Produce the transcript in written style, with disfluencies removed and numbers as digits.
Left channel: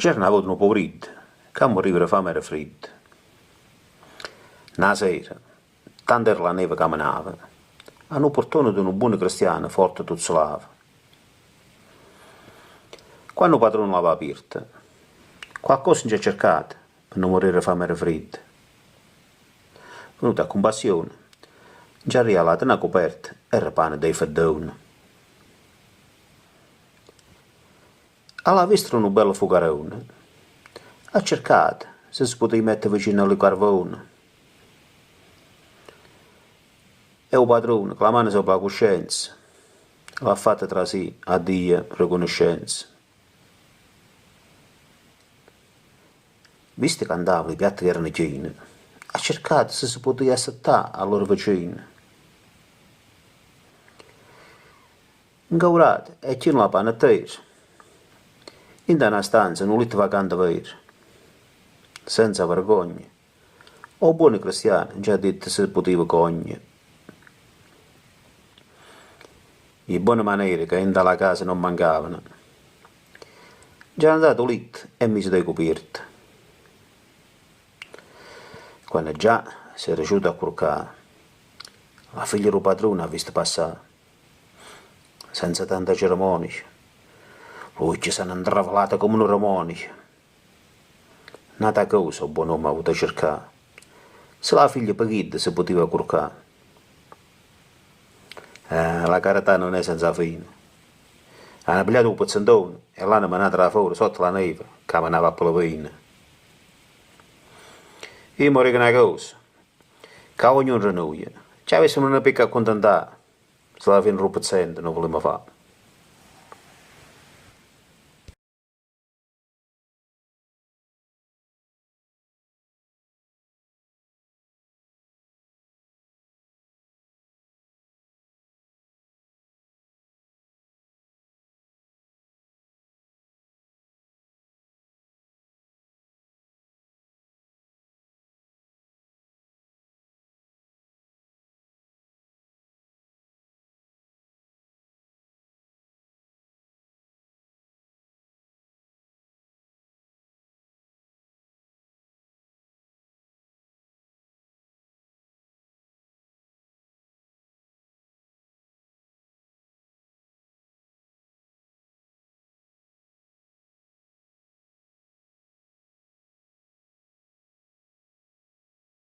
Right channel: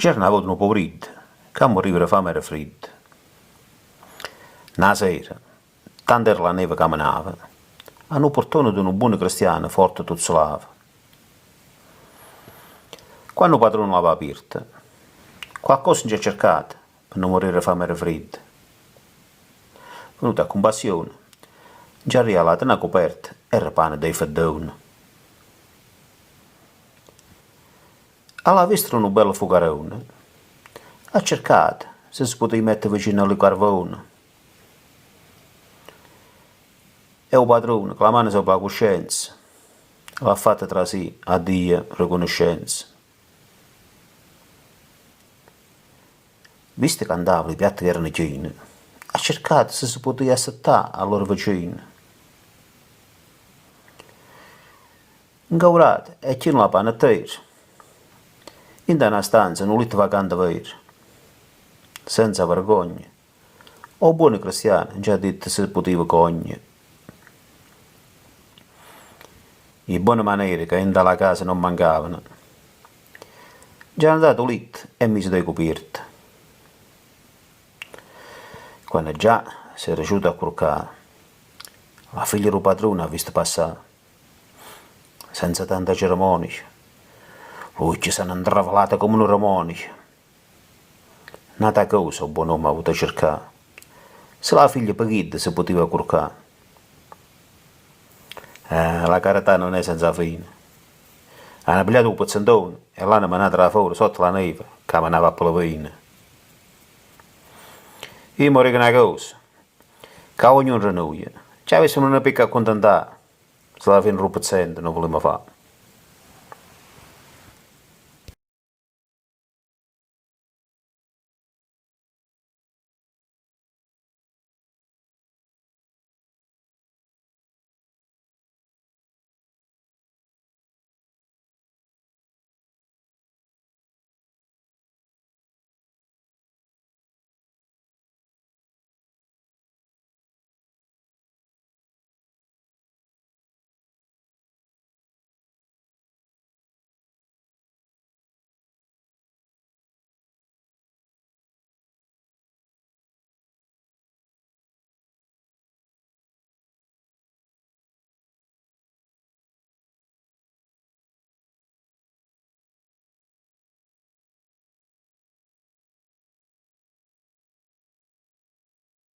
C'era avuto un pomeriggio, che morivano fame e freddo. Una sera, tanto era la neve che menava, hanno portato di un buon cristiano forte tuzzolava. Quando il padrone l'aveva aperta, qualcosa ci ha cercato per non morire fame e freddo. Venuta a compassione, ci ha regalato una coperta e il pane dei feddoni. Alla vista un bello fugarone, ha cercato se si poteva mettere vicino al carbone. E il padrone, con la mano sopra la coscienza, l'ha fatta tra sé a Dio riconoscenza. Visto che andavano i piatti che erano pieni, ha cercato se si poteva assettare a loro vicini. Incaurato e c'è la panettiera. In una stanza, in un letto vacante vero, senza vergogna. O buoni cristiani già detto se poteva cogliere. Le buone maniere che in dalla casa non mancavano. Già andato a letto e mise dei coperti. Quando già si è riuscito a curcare, la figlia del padrone ha visto passare, senza tanta cerimonia. Lui ci si è intravalata come un ramonica. Nata cosa il buon uomo ha avuto a cercare. Se la figlia paghitta si poteva curcare. La carità non è senza fine. Hanno pigliato un pezzentone e l'hanno mandato fuori sotto la neve, che manava a Polovina. Io mi ricordo una cosa, che ognuno rinnoia. Ci avessimo una picca a contentare, se alla fine un pezzente non volevamo fare.